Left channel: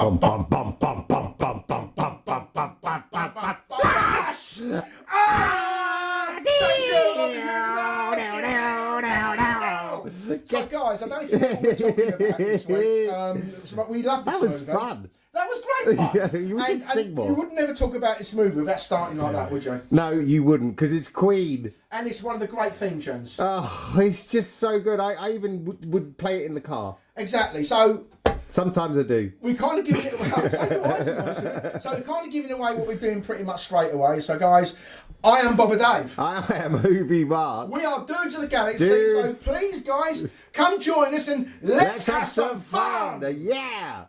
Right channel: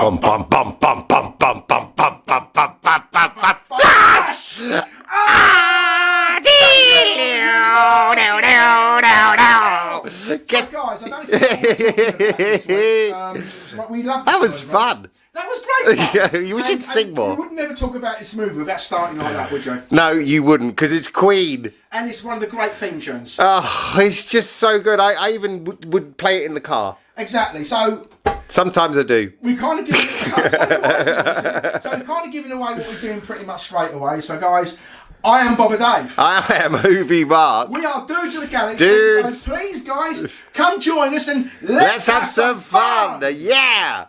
bum bum bum bum bum bum bum bum bum bum bum bum bum. Flash! So guys, I don't think I know what we're talking about this week. But we love That was fun. That was great fun. Yeah, we should sing more. You would never talk about this movie without starting like that, would you? No, you wouldn't, because it's Queen. And it's one of the great theme tunes. Oh, it's just so good. I even would play it in the car. Exactly. So sometimes I do. we kind of give it. So we're kind of giving away what we're doing pretty much straight away. So guys, I am Bob Dave. I am Movie Mark. We are Dudes of the Galaxy. Dudes. So please, guys, come join us and Let's have some fun. Yeah.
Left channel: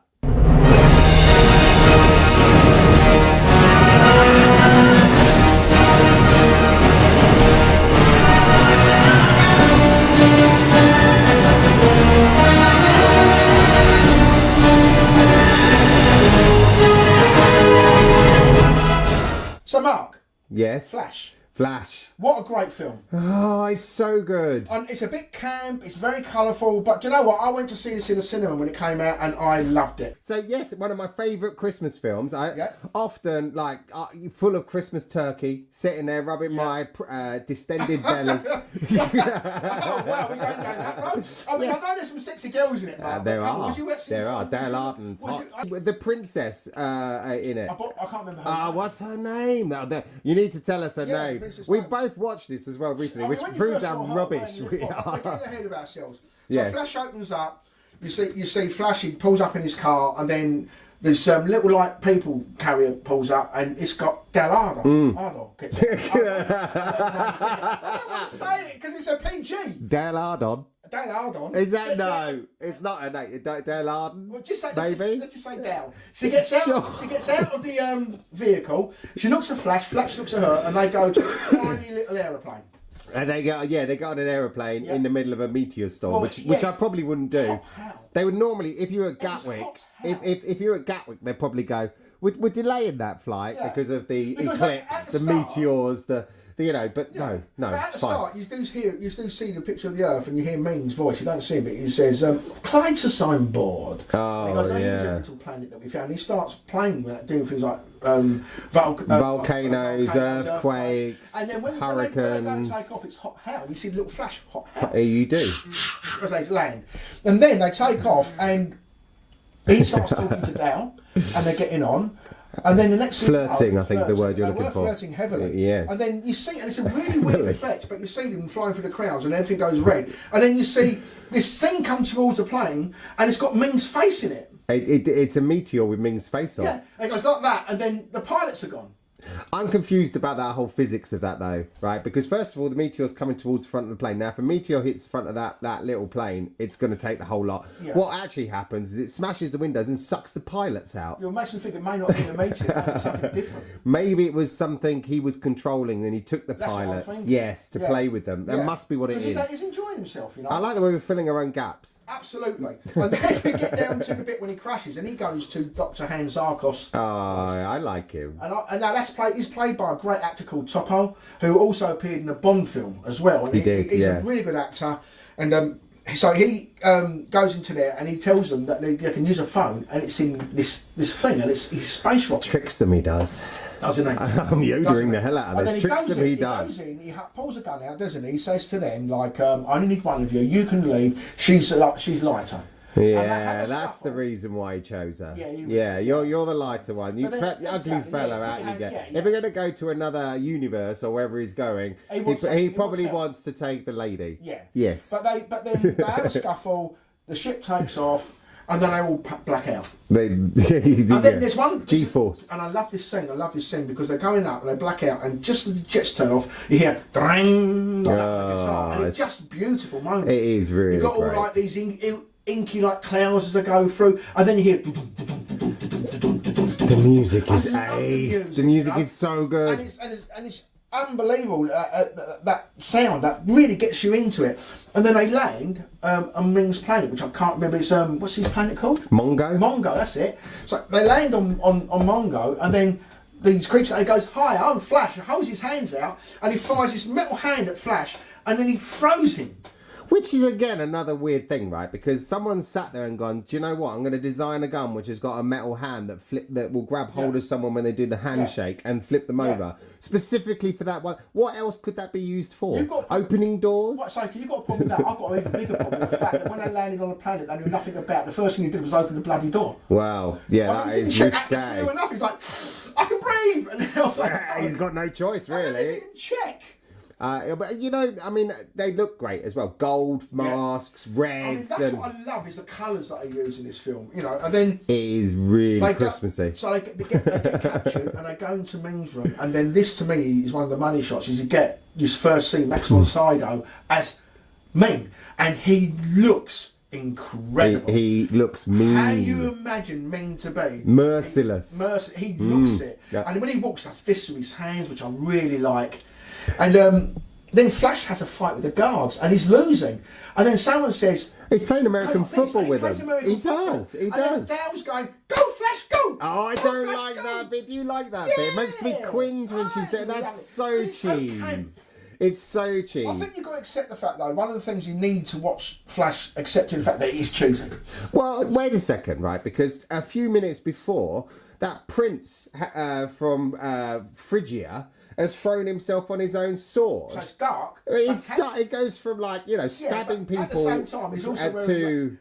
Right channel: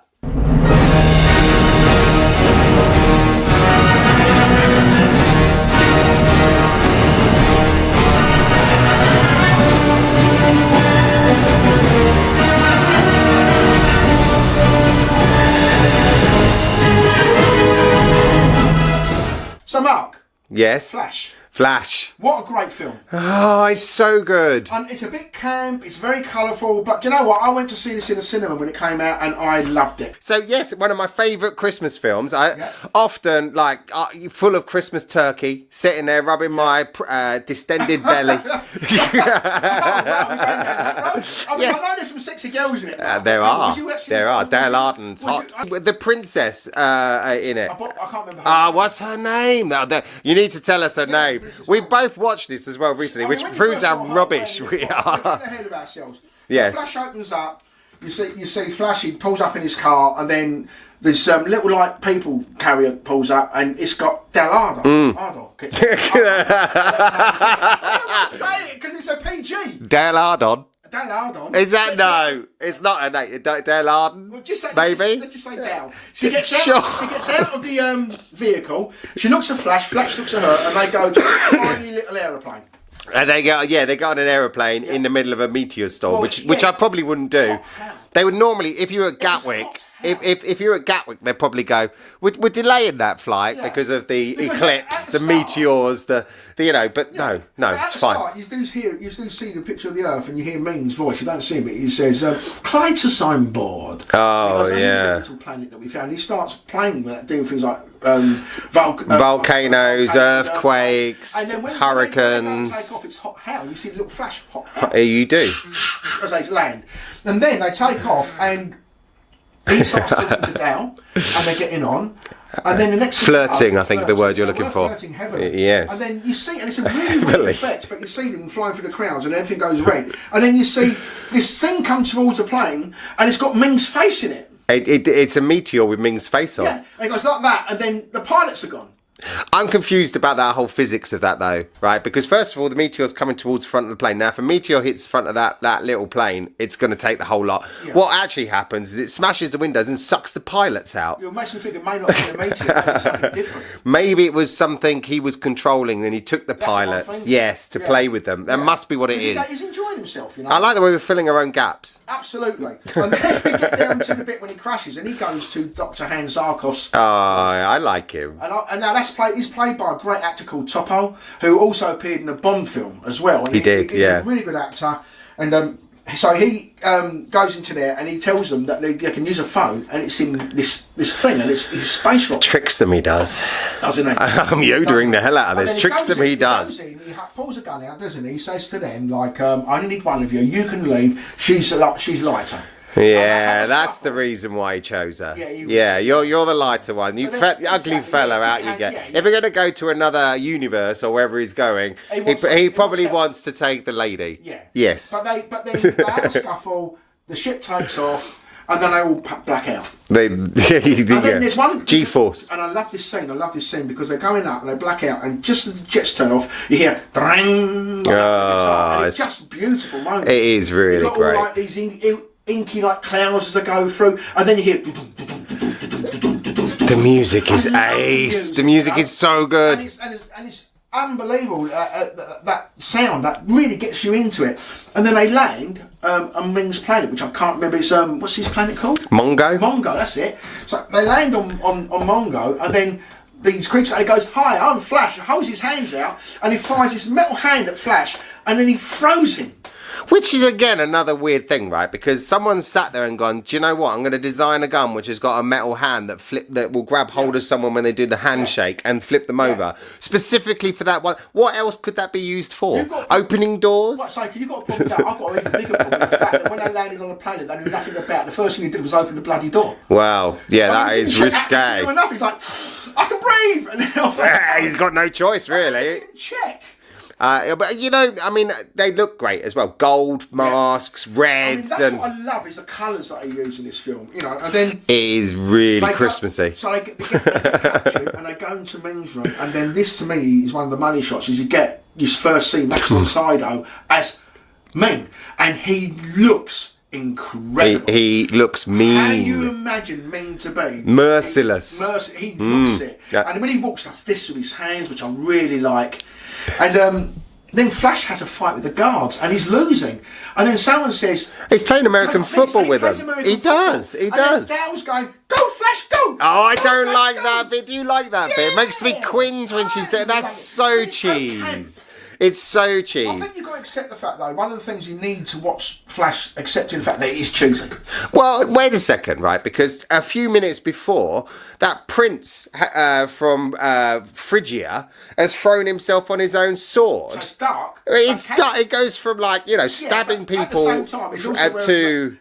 So Mark. Yes. Flash. What a great film. Oh, it's so good. And it's a bit camp, it's very colourful, but do you know what? I went to see this in the cinema when it came out and I loved it. So, yes, one of my favourite Christmas films. I often, full of Christmas turkey, sitting there rubbing my distended belly. Yes. I know there's some sexy girls in it. There are. Dale Arden's hot. The princess in it. I can't remember her name. What's her name? You need to tell us her name. We've both watched this as well recently, which proves how rubbish we are. We're getting ahead of ourselves. Yes. Flash opens up. You see Flash. He pulls up in his car, and then there's some little people carrier pulls up, and it's got Del Ardo. I don't say it because it's a PG. Dale Ardon. Dale Ardon. Is that no? It's not a name. Dale Arden. Well, just say, maybe. Let's just say Dale. She gets out of the vehicle. She looks at Flash. Flash looks at her, and they go to a tiny little aeroplane. And they go on an aeroplane in the middle of a meteor storm, which I probably wouldn't do. They would normally, if you were at Gatwick, if you're at Gatwick, they'd probably go, we're delaying that flight because of the eclipse, the meteors, but no, it's fine. Start, you do see the picture of the Earth and you hear Ming's voice. You don't see him, but he says, Clytus on board. Oh, Here's yeah. a little planet that we found. He starts playing with that, doing things like volcanoes, earthquakes, and then when hurricanes. they take off, it's hot hell. You see the little flash hot hell. You do. As they land. And then they take off and he starts talking to Dale and they're getting on. And then the next flirting, I think the word you're looking for. Flirting heavily. Yes. And then you see, and it's a really weird effect, but you see them flying through the crowds and everything goes red. And then you see this thing come towards the plane and it's got Ming's face in it. It's a meteor with Ming's face on. Yeah, and it goes like that, and then the pilots are gone. I'm confused about that whole physics of that, though, right? Because first of all, the meteor's coming towards the front of the plane. Now, if a meteor hits the front of that little plane, it's going to take the whole lot. Yeah. What actually happens is it smashes the windows and sucks the pilots out. You're making me think it may not be a meteor, but it's something different. Maybe it was something he was controlling, and he took the pilots, to play with them. That must be what it is. He's enjoying himself, you know. I like the way we're filling our own gaps. Absolutely. And then we get down to the bit when he crashes, and he goes to Dr. Hans Zarkov's. Oh, I like him. And now he's played by a great actor called Topo, who also appeared in a Bond film as well. And he's a really good actor. And so he goes into there and he tells them that they can use a phone, and it's in this thing, and it's his space rocket. Tricks them, he does. Doesn't he? I'm yodering the hell out of this. Tricks them, he does. He pulls a gun out, doesn't he? He says to them, I only need one of you. You can leave. She's lighter. Yeah, that's the reason why he chose her. Yeah, you're the lighter one. You ugly fella out you get. If we're going to go to another universe or wherever he's going, he probably wants to take the lady. Yeah. Yes. But then they have a scuffle, the ship takes off, and then they all black out. And then there's one G-force. And I love this scene because they're going up and they black out, and just as the jets turn off, you hear drang, and it's just a beautiful moment. It is really You've got great. all like these inky like clouds as they go through, and then you hear the music is ace. The music is so good, and it's unbelievable. That sound that really gets you into it. And then they land on Ming's planet, which I can't remember. It's what's his planet called? Mongo. That's it. So they land on Mongo, and then these creatures. And he goes, "Hi, I'm Flash." He holds his hands out, and he fires this metal hand at Flash, and then he throws him. Which is, again, another weird thing, right? Because someone sat there and gone, do you know what? I'm going to design a gun which has got a metal hand that will grab hold of someone when they do the handshake and flip them over. Specifically for that one. What else could that be used for? Opening doors? What, so you've got a problem with that. I've got an even bigger problem with the fact that when they landed on a planet they knew nothing about, the first thing he did was open the bloody door. Wow. Yeah, that is risque. Enough. He's like, I can breathe! And then he's got no choice, really. Check. But you know, I mean, they look great as well. Gold masks, reds, that's what I love is the colours that they use in this film. You know, and then it is really Christmassy. So they get captured and they go into Ming's room, and then this to me is one of the money shots. Is you first see Max von Sydow as Ming, and he looks incredible. He looks mean. How you imagine Ming to be? Merciless. He looks it. Yeah. And when he walks, that's this with his hands, which I really like. And then Flash has a fight with the guards, and he's losing. And then someone says... He's playing American football with them. He does. And then Dale's going, go, Flash, go! Oh, I don't like that bit. Do you like that bit? It makes me cringe when she's doing... That's so cheese. It's so cheese. I think you've got to accept the fact, though, one of the things you need to watch Flash, accepting the fact that it is cheesy. Well, wait a second, right? Because a few minutes before, that prince from Phrygia has thrown himself on his own sword. So it's dark. It's dark. It goes from, like, you know, stabbing people at the same time,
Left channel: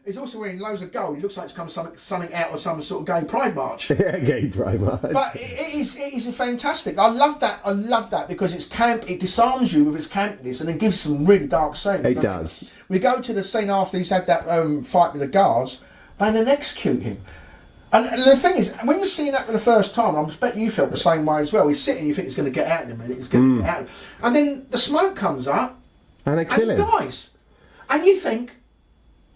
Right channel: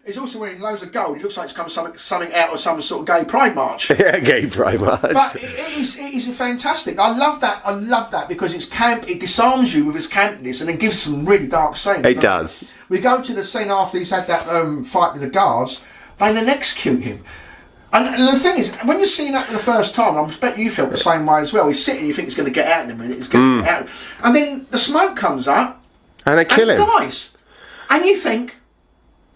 he's also wearing loads of gold. He looks like it's come something out of some sort of gay pride march. Yeah, gay pride march. But it is fantastic. I love that because it's camp. It disarms you with its campness and then gives some really dark scenes. It does. We go to the scene after he's had that fight with the guards. They then execute him. And the thing is, when you're seeing that for the first time, I bet you felt the same way as well. He's sitting, you think he's going to get out in a minute. He's going to get out, and then the smoke comes up, and they kill him. Dies, and you think,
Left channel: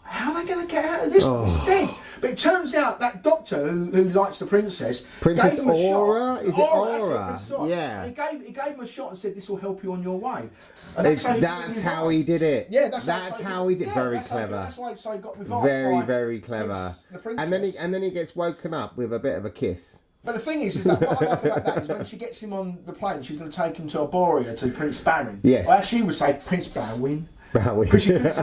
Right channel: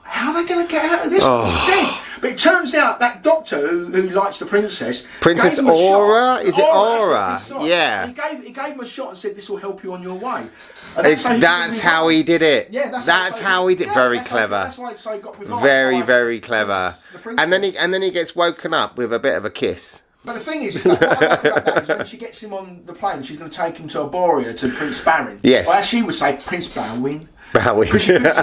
how are they going to get out of this? He's dead. But it turns out that doctor who likes the princess, Princess Aura, is it Aura? Yeah. He gave him a shot and said, "This will help you on your way." And that's how he did it. Yeah, that's how he did. Very clever. That's why he got revived. Very clever. And then he gets woken up with a bit of a kiss. But the thing is that what I like about that is when she gets him on the plane, she's going to take him to Arboria to Prince Barin. Yes. Well, as she would say, Prince Barwin. Because she puts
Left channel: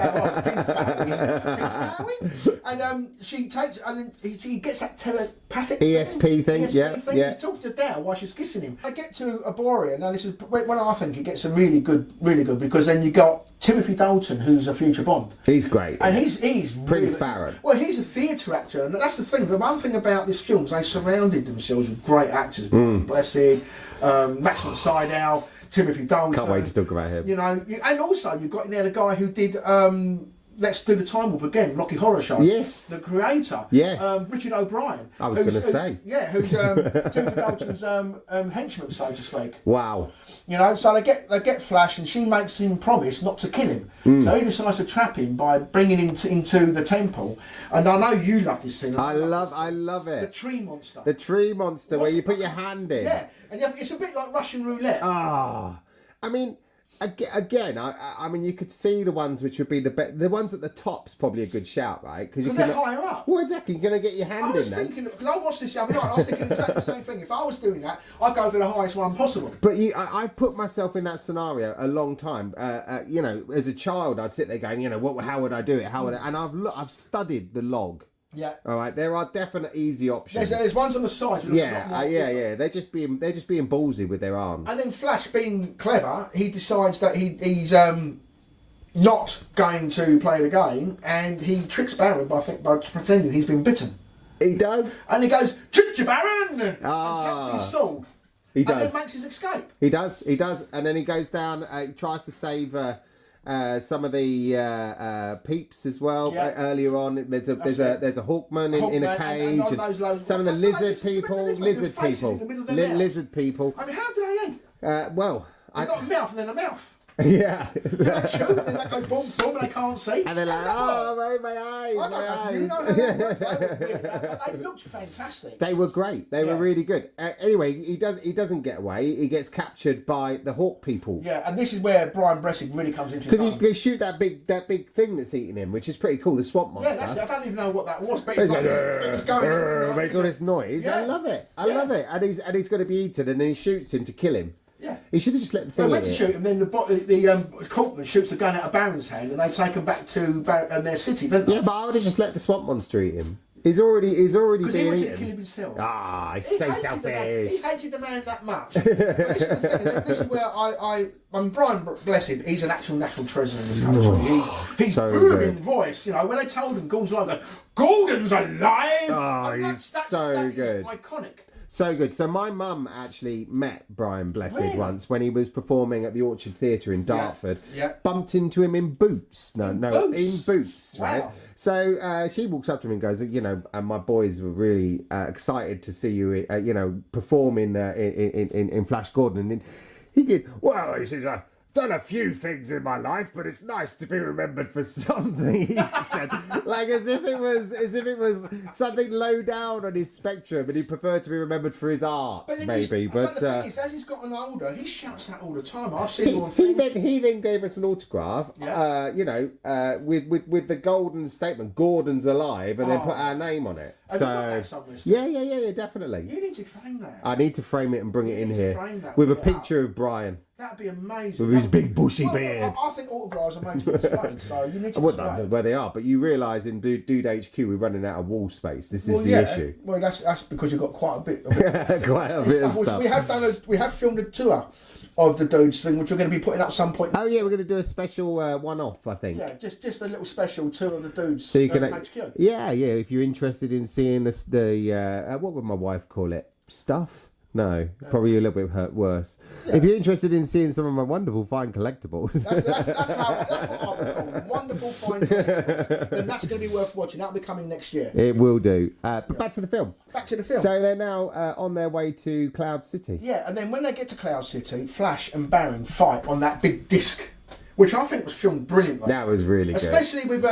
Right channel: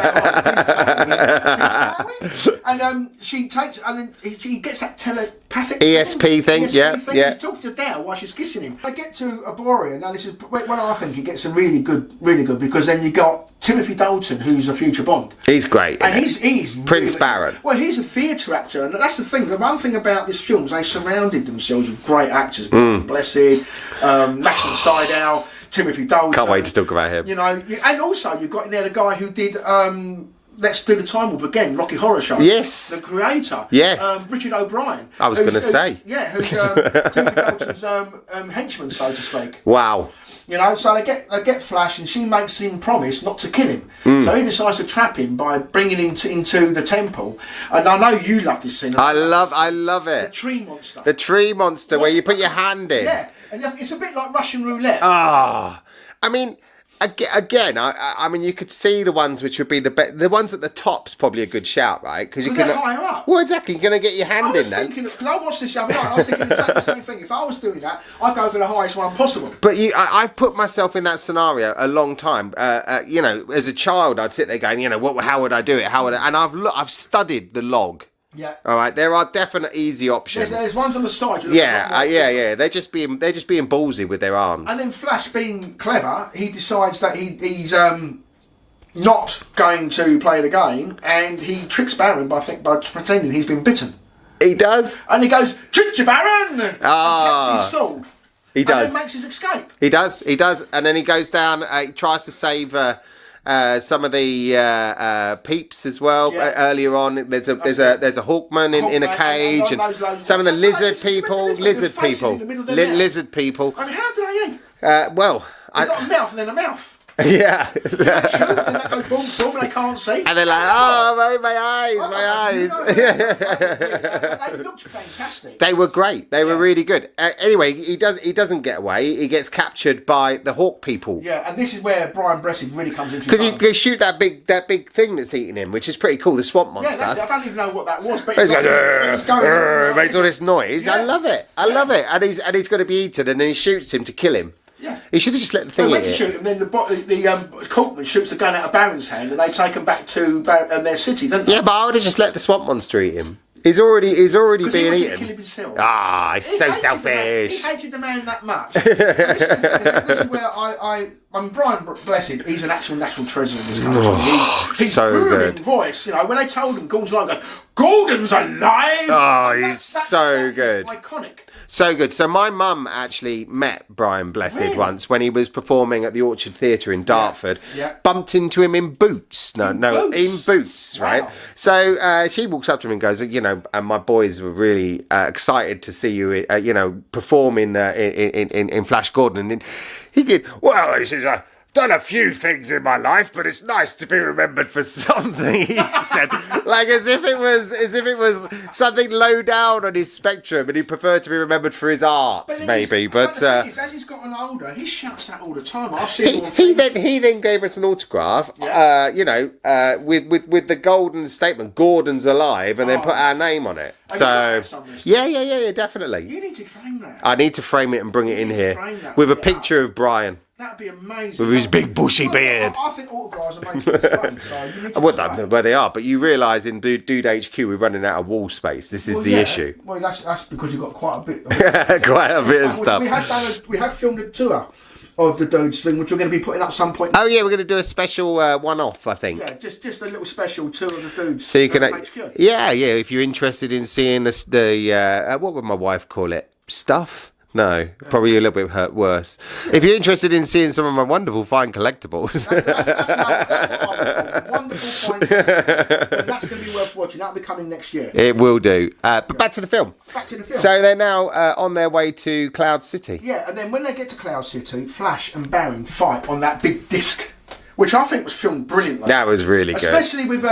and she takes, and he gets that telepathic ESP thing. Yeah. He's talking to Dale while she's kissing him. I get to Arboria, and this is when I think it gets a really good, because then you got Timothy Dalton, who's a future Bond. He's great, and he's Prince Baron. Well, he's a theatre actor, and that's the thing. The one thing about this film is they surrounded themselves with great actors. Blessed, Max von Sydow, Timothy Dalton. Can't wait to talk about him. You know, and also you've got in there the guy who did Let's Do the Time Warp again, Rocky Horror Show. Yes. The creator. Yes. Richard O'Brien. I was going to say. Yeah, who's Timothy Dalton's henchman, so to speak. Wow. You know, so they get Flash, and she makes him promise not to kill him. So he decides to trap him by bringing him into the temple. And I know you love this scene. I love it. The tree monster. The tree monster, where you put your hand in. Yeah, and it's a bit like Russian roulette. I mean, again, I mean, you could see the ones which would be the ones at the top's probably a good shout, right? Because you can higher up. Well, exactly. You're going to get your hand in then. Because I watched this the other night, I was thinking exactly the same thing. If I was doing that, I'd go for the highest one possible. But I've put myself in that scenario a long time. You know, as a child, I'd sit there going, you know, how would I do it? And I've studied the log. Yeah. All right. There are definite easy options. There's ones on the side. Yeah. They're just being ballsy with their arms. And then Flash, being clever, he decides that he's not going to play the game, and he tricks Baron by pretending he's been bitten. He does. And he goes, "Tricked you, Baron!" And taps his sword. He does. And then makes his escape. He does. And then he goes down. He tries to save. Some of the peeps as well. Earlier on, there's a Hawkman in a cage, and some of the lizard people. I mean, how do they eat? They've got a mouth and then a mouth. Yeah. And that goes boom, boom, and they can't see. And they're like, my eyes. They looked fantastic. They were great. They were really good. Anyway, he doesn't get away. He gets captured by the Hawk people. Yeah, and this is where Brian Blessed really comes into. Because they shoot that big thing that's eating him, which is pretty cool. The swamp monster. Yeah, I don't even know what that was, but makes all this noise. Yeah. I love it. And he's going to be eaten, and then he shoots him to kill him. Yeah. He should have just let the thing They hit went to shoot him, then the Corkman shoots the gun out of Baron's hand, and they take him back to their city, don't they? Yeah, but I would have just let the swamp monster eat him. He's already being he eaten. Kill him himself. Ah, he's so selfish. He hated the man that much. This is where I'm Brian Blessed. He's an actual national treasure in this country. He's so booming good. voice. You know, when they told him Gordon's alive, Gordon's alive. Oh, he's so good. Iconic. So good. So my mum actually met Brian Blessed once when he was performing at the Orchard Theatre in Dartford. Yeah. Bumped into him in Boots. In Boots, Wow. right? So she walks up to him and goes, you know, and my boys were really excited to see you, you know, perform in Flash Gordon. And he did, well, he says, done a few things in my life, but it's nice to be remembered for something, he said. Like as if it was something low down on his spectrum and he preferred to be remembered for his art, maybe. But the thing is, as he's gotten older, he shouts that all the time. I've seen he then gave us an autograph, you know, with the golden statement, Gordon's alive, and then put our name on it. So yeah, definitely. You need to frame that. I need to frame it and bring it in here with a picture of Brian. That'd be amazing. With his big bushy beard. I think autographs are made for space, so you need to well, they are, but you realise in Dude HQ we're running out of wall space. This is the issue. Well, that's because you've got quite a bit. Quite a bit of stuff. We have filmed a tour of the Dudes thing, which we're going to be putting up some point. Oh yeah, we're going to do a special one-off, I think. Yeah, just a little special tour of the Dudes. So you can, HQ. yeah. If you're interested in seeing the what would my wife call it? Stuff. No, probably a little bit worse. Yeah. If you're interested in seeing some of my wonderful fine collectibles. That's what I would call wonderful fine collectibles. And that's going to be worth watching. That'll be coming next year. It will do. But back to the film. Back to the film. So they're now on their way to Cloud City. Yeah, and then when they get to Cloud City, Flash and Baron fight on that big disc, which I think was filmed brilliantly. That was really good. Especially with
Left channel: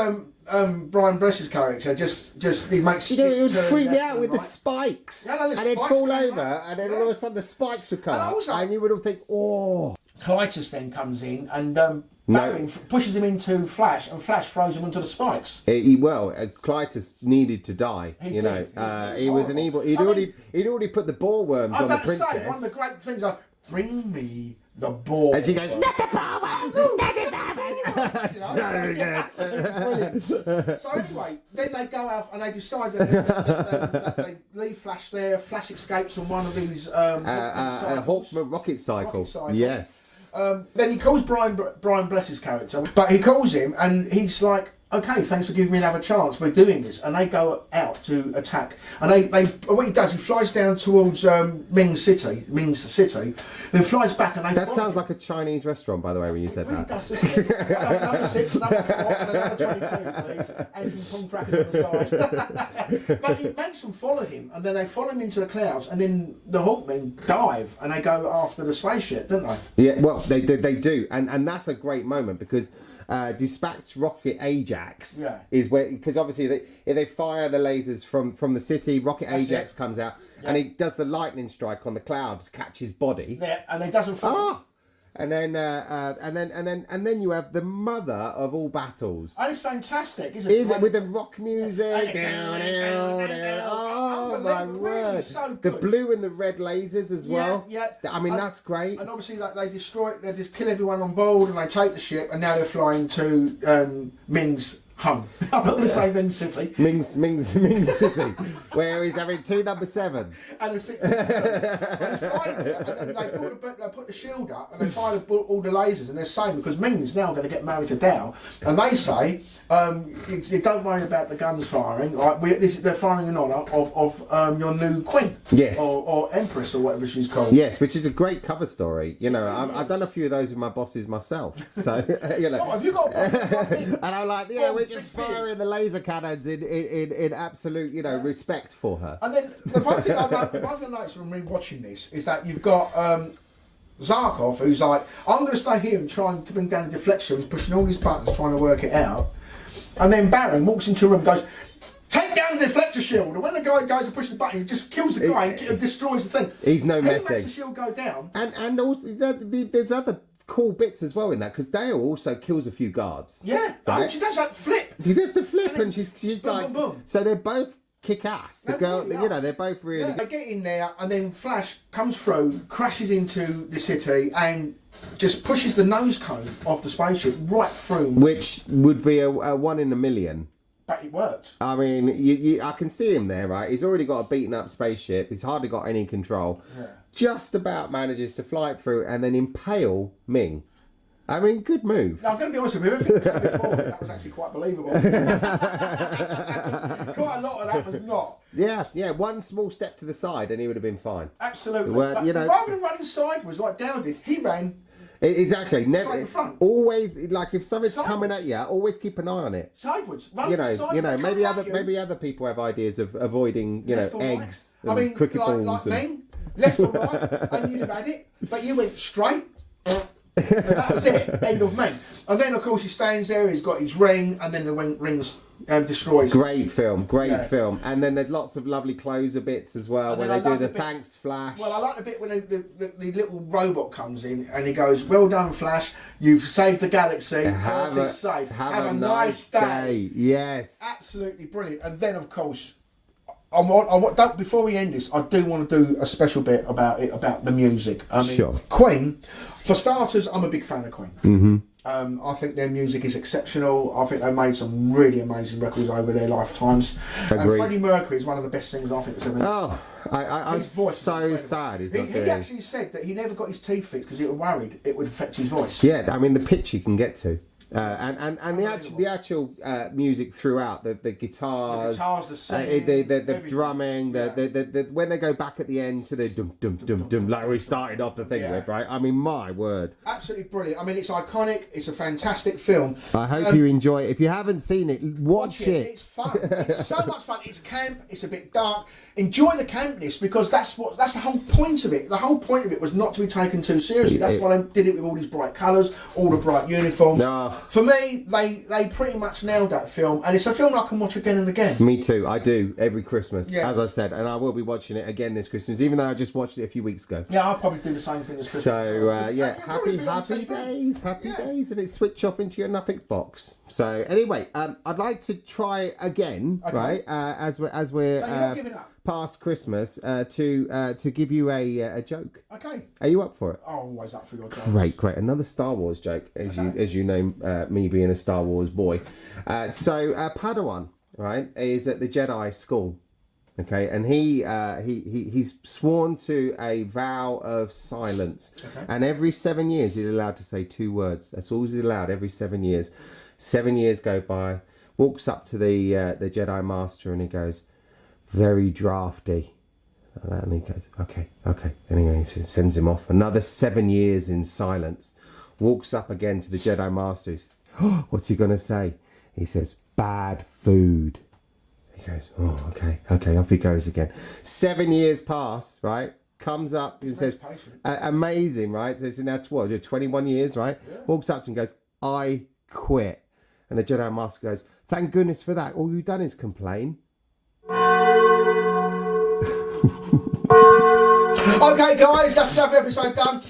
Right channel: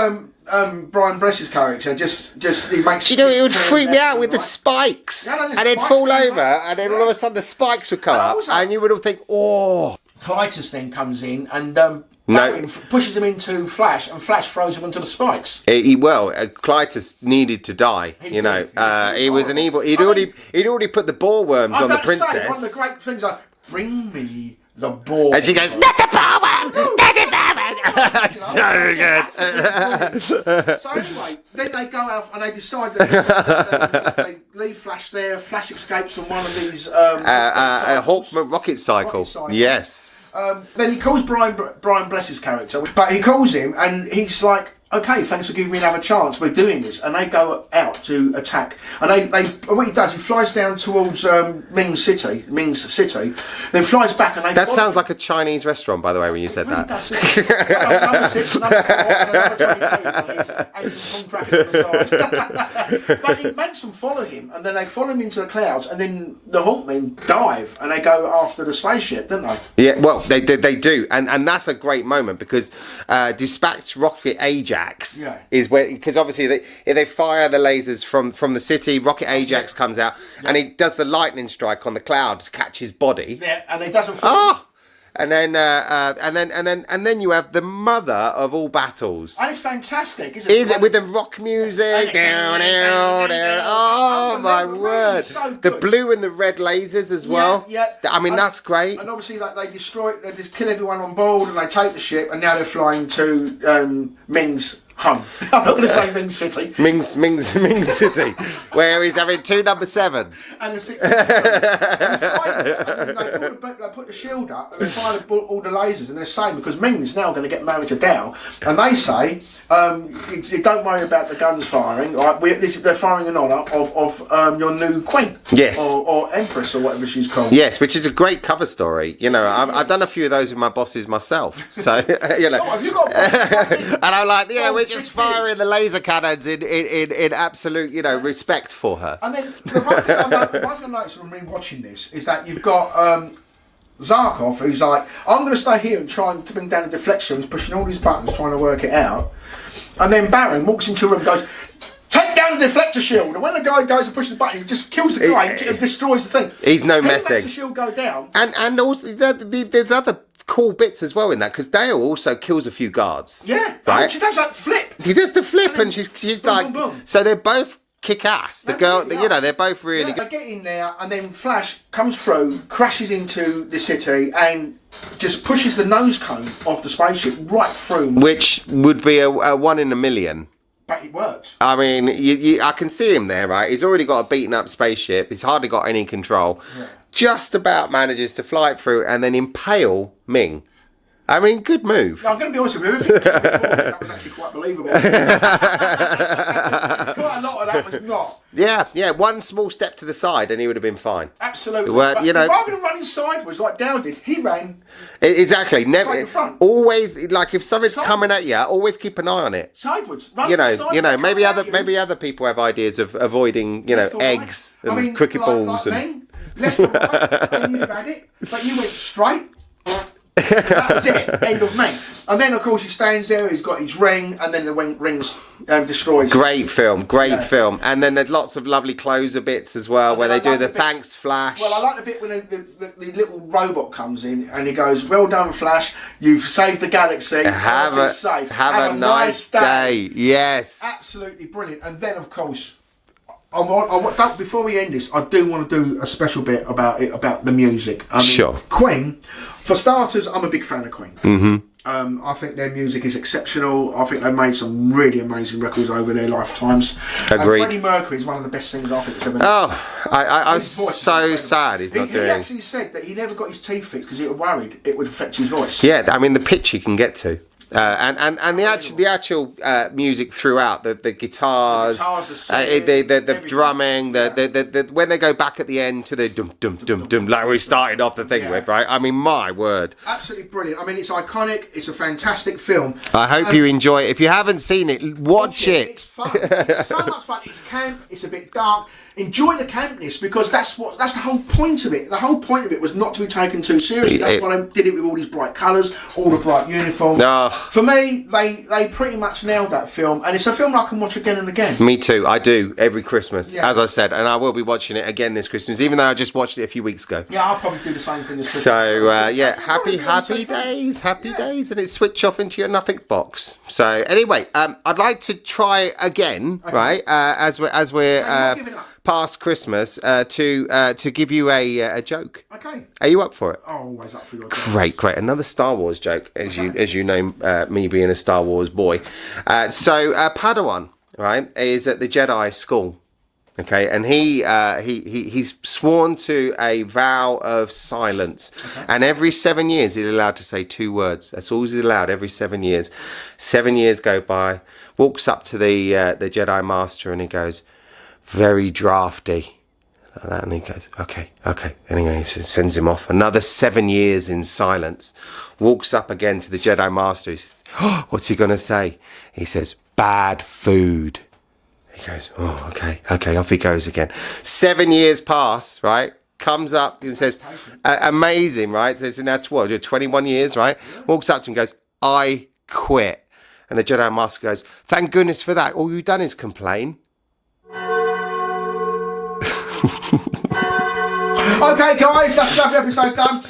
Brian Bless's character, just he makes. You know, it would freak me out with the spikes, and they'd fall over, and then all of a sudden the spikes would come up, and you would all think, oh. Clytus then comes in and Baron pushes him into Flash, and Flash throws him into the spikes. Clytus needed to die. He was an evil. He'd already put the ball worms on the princess. One of the great things like, bring me the ball. And she goes, not the ball worm, not the ball worm. So good. So anyway, then they go out and they decide that they leave Flash there. Flash escapes from one of these Hawk rocket cycle. Yes. Then he calls Brian Bless's character, but he calls him and he's like, okay, thanks for giving me another chance. We're doing this, and they go out to attack. And what he does, he flies down towards Ming's city, then flies back, and that sounds like a Chinese restaurant, by the way, when you said that. Number 6, number 4, and number 22, please, and some corn crackers on the side. But he makes them follow him, and then they follow him into the clouds, and then the Hawkmen dive, and they go after the spaceship, don't they? Yeah, well, they do, and that's a great moment because Dispatch Rocket Ajax is where, because obviously they fire the lasers from the city. Rocket Ajax comes out and he does the lightning strike on the cloud to catch his body. Yeah, and it doesn't fall. And then you have the mother of all battles. And it's fantastic, isn't it? Is it with the rock music? Down. Oh my word! So the blue and the red lasers as well. Yeah. I mean, that's great. And obviously, like they just kill everyone on board, and they take the ship, and now they're flying to Ming's home. I'm not going to say Ming City. Ming's City, where he's having 2 number 7s. And a 6. They put the shield up and they fire all the lasers, and they're saying, because Ming's now going to get married to Dao, and they say, don't worry about the guns firing. Right? They're firing in honour of your new queen. Yes. Or empress, or whatever she's called. Yes, which is a great cover story. You know, I've done a few of those with my bosses myself. So, you know. Oh, have you got and I'm like, you know, we're just firing the laser cannons in absolute, you know, respect for her. And then the one thing I noticed from rewatching this is that you've got Zarkov, who's like, I'm going to stay here and try and bring down the deflections, pushing all these buttons, trying to work it out. And then Baron walks into a room and goes, take down the deflector shield. And when the guy goes and pushes the button, he just kills the guy and destroys the thing. He's no then messing. He makes the shield go down. And also, there's other cool bits as well in that, because Dale also kills a few guards. Yeah, right? She does that flip. He does the flip, and she's boom, like, boom, boom. So they're both kick ass. The girl, really you know, they're both really They good. get in there, and then Flash comes through, crashes into the city, and just pushes the nose cone of the spaceship right through. Which would be a 1 in a million. But it works. I mean, I can see him there, right? He's already got a beaten up spaceship. He's hardly got any control. Yeah. Just about manages to fly it through and then impale Ming. I mean, good move. No, I'm going to be honest with you. Everything before, that was actually quite believable. Quite a lot of that was not. Yeah. One small step to the side and he would have been fine. Absolutely. Well, you know, rather than running sideways like Dow did, he ran. Exactly. Never. In front. Always, like if something's coming at you, always keep an eye on it. Sideways. Run You know. Maybe other people have ideas of avoiding, eggs and cricket balls and left or right, and you'd have had it, but you went straight. That was it. End of May. And then, of course, he stands there. He's got his ring, and then the ring's destroys. Great film. And then there's lots of lovely closer bits as well, where they do the thanks Flash. Well, I like the bit when the little robot comes in and he goes, "Well done, Flash. You've saved the galaxy. Have a nice day." Yes. Absolutely brilliant. And then, of course, before we end this, I do want to do a special bit about the music. I mean, sure. Queen, for starters, I'm a big fan of Queen. Mm-hmm. I think their music is exceptional. I think they made some really amazing records over their lifetimes. Agreed. Freddie Mercury is one of the best singers I think that's ever done. Oh, I was so sad he's not doing. He actually said that he never got his teeth fixed because he was worried it would affect his voice. Yeah, I mean the pitch he can get to. And the actual music throughout the guitars, the drumming, the when they go back at the end to the dum dum dum dum like we started off the thing with, right? I mean, my word, absolutely brilliant. I mean, it's iconic. It's a fantastic film. I hope you enjoy it. If you haven't seen it, watch it. It's fun. It's so much fun. It's camp. It's a bit dark. Enjoy the campness because that's the whole point of it. The whole point of it was not to be taken too seriously. That's why they did it with all these bright colours, all the bright uniforms. For me, they pretty much nailed that film, and it's a film I can watch again and again. Me too. I do every Christmas, as I said, and I will be watching it again this Christmas, even though I just watched it a few weeks ago. Yeah, I'll probably do the same thing this Christmas. So happy days, and it's switch off into your nothing box. So anyway, I'd like to try again, right? As we're past Christmas, to give you a joke. Okay. Are you up for it? Oh, always up for your jokes. Great. Another Star Wars joke, as you know, me being a Star Wars boy. So Padawan, right, is at the Jedi school. Okay, and he's sworn to a vow of silence, and every 7 years he's allowed to say 2 words. That's all he's allowed every 7 years. 7 years go by. Walks up to the Jedi Master and he goes, "Very drafty," like that, and he goes, okay. And he sends him off. Another 7 years in silence. Walks up again to the Jedi Master. He says, "Oh, what's he gonna say?" He says, "Bad food." He goes, "Oh, okay." Off he goes again. 7 years pass, right? Comes up and says, "Amazing," right? So it's now 21 years, right? Walks up to him and goes, "I quit." And the Jedi Master goes, "Thank goodness for that. All you've done is complain." Okay, guys, that's another episode done.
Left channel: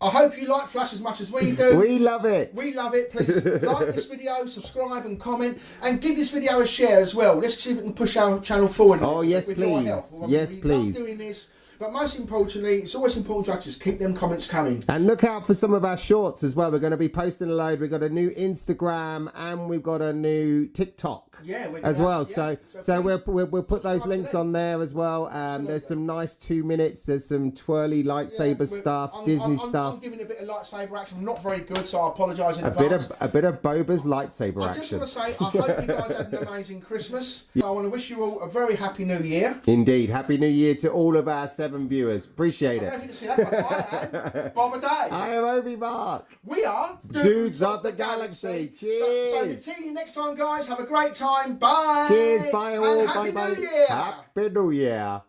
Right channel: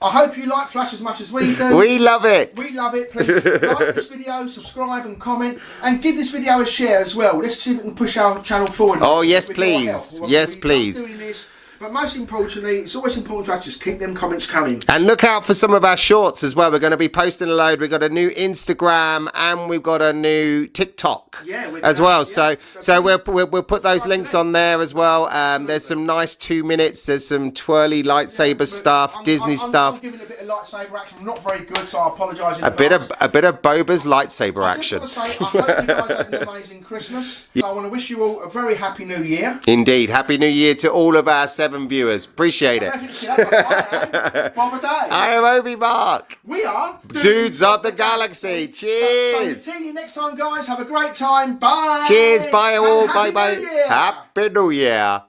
I hope you like Flash as much as we do. We love it. We love it. Please like this video, subscribe and comment, and give this video a share as well. Let's see if we can push our channel forward. Oh, yes, please. Yes, please. Doing this. But most importantly, it's always important to just keep them comments coming. And look out for some of our shorts as well. We're going to be posting a load. We've got a new Instagram and we've got a new TikTok as well. Yeah. So we'll put those links on there as well. There's some nice 2 minutes. There's some twirly lightsaber stuff, Disney stuff. I'm giving a bit of lightsaber action. I'm not very good, so I apologise in advance. A bit of Boba's lightsaber action. I just want to say, I hope you guys had an amazing Christmas. Yeah. I want to wish you all a very happy New Year. Indeed. Happy New Year to all of our 7 viewers. Appreciate it. I am Obi Mark. We are Dudes of the Galaxy. Cheers. So see you next time, guys. Have a great time. Bye. Cheers. Bye all. Bye. Happy New Year.